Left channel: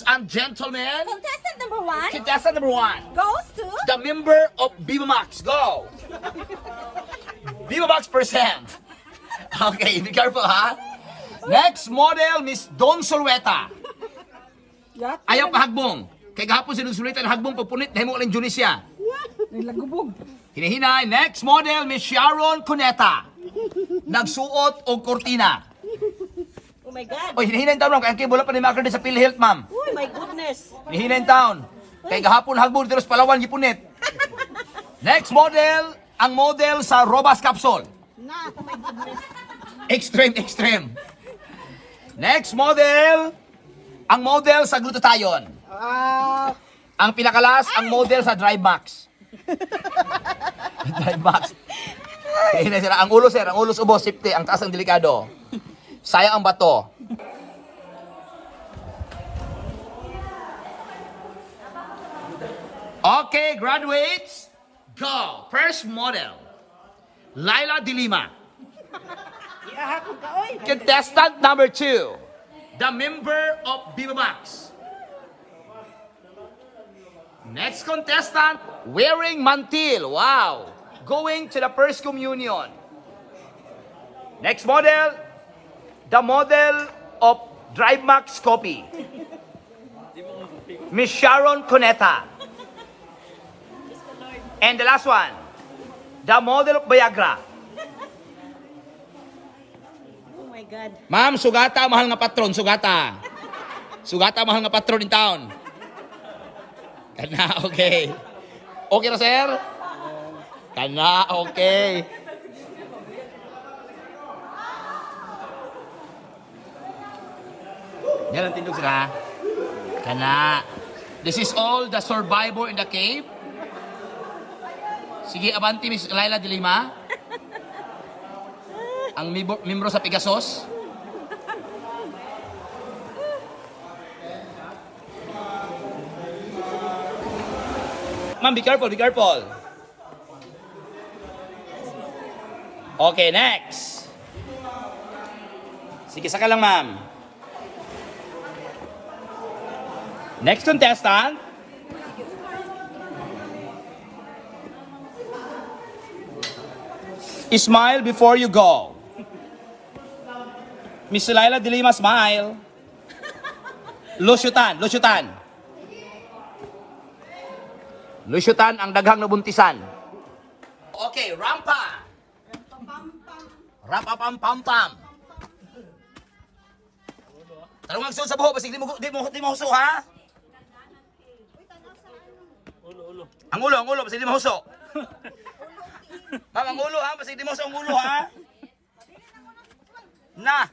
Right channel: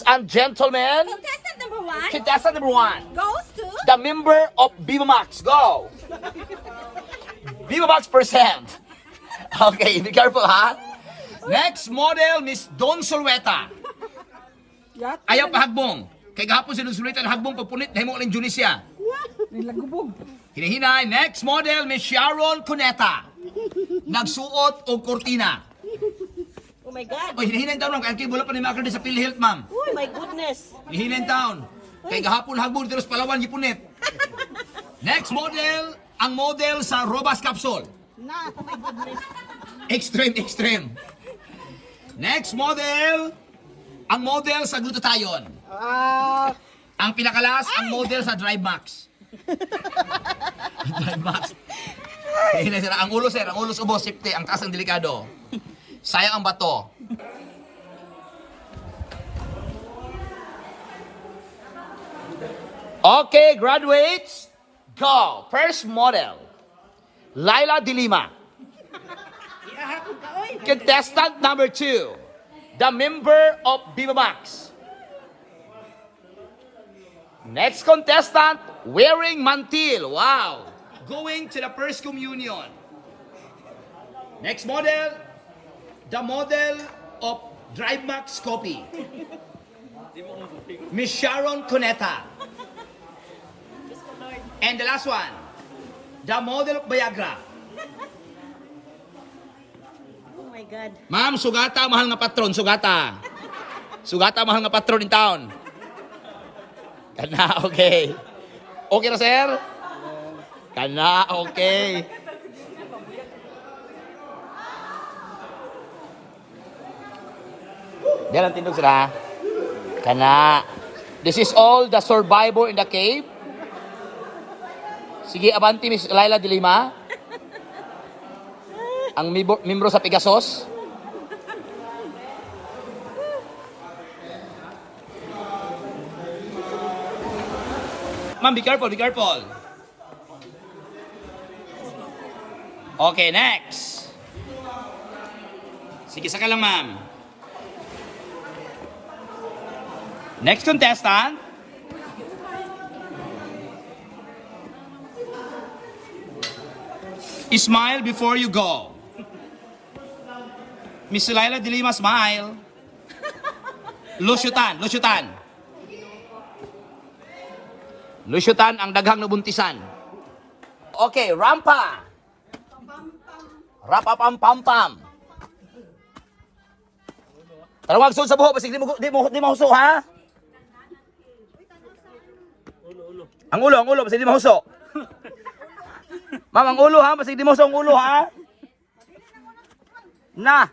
And gentlemen, Contestant number one goes to the member of Viva Max. Go! Viva Max percent. Okay, be careful ha. Next model, Miss Don Solueta. Ayaw pa hagbong. Kay gahapon si Don Solueta na hagbong papunit na himo lang Junisya. Hinihinay. Next model, Miss Sharon Cuneta. Nagsuot og kortina. Oh my God. Oy, hinihinay taon kaya wala pa ni Macron sa PhilHealth, ma'am. Oh my goodness. Hinihinay taon. Kay gahapon hagbong dito sa Palawan gipunit. Next model, ang model sa Robas Capsule. Na, oh my goodness. Extreme. Next model, ang model sa Glutathione. Ang pinakalas, ang model sa Drive Max. Drive Max. Hinihinay sila. Ang ulo, sir, ang ulo sa ubos, safety, ang taas ang delikado. Sayang ang bato. Okay, graduates, go. First model, Laila De Lima. Contestant number 2, the member of Viva Max. Next contestant, wearing mantil. Wow. Going to the First Communion. Next model, the model of Drive Max Copy. Miss Sharon Cuneta. And the last one, the model of Viagra. Oh my God. Ma'am, sugata, mahal nga patron, sugata. Sugata, mahal nga patron in town. Kana, okay. Okay na, sir? Kana, okay. Yan ang tindog sila. Kana. This is all the survivor in the cave. Sige, abanti, Miss Laila De Lima. Ang membro sa Pegasus. Ma'am, be careful, be careful. Okay, next. Sige, saka lang, ma'am. Next contestant. Smile before you go. Miss Laila De Lima, smile. Lusyutan. Lusyutan ang daghang nabuntisan. Okay, rampa. Rapapam-pam-pam. Tarawag sul sa buho, basig di mo huso, ha? Ang ulo, basig di mo huso. Ma'am, ang ulo, ha? Basig di mo huso ang ulo, ha? Na.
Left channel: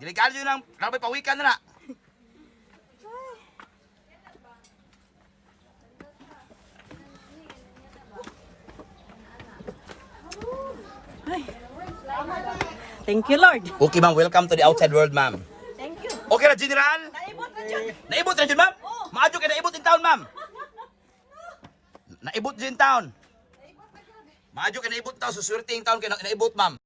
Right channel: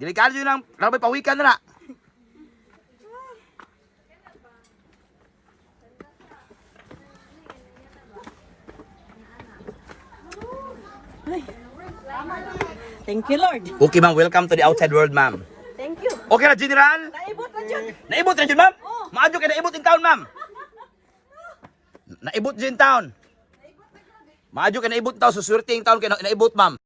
Delikado yun lang. Rabay pawikan na na. Thank you, Lord. Okay, ma'am. Welcome to the outside world, ma'am. Thank you. Okay na, General? Naibot na dyan. Naibot na dyan, ma'am? Maadyo kayo naibot in town, ma'am. Naibot dyan in town. Maadyo kayo naibot in town. Suswerte in town kayo naibot, ma'am.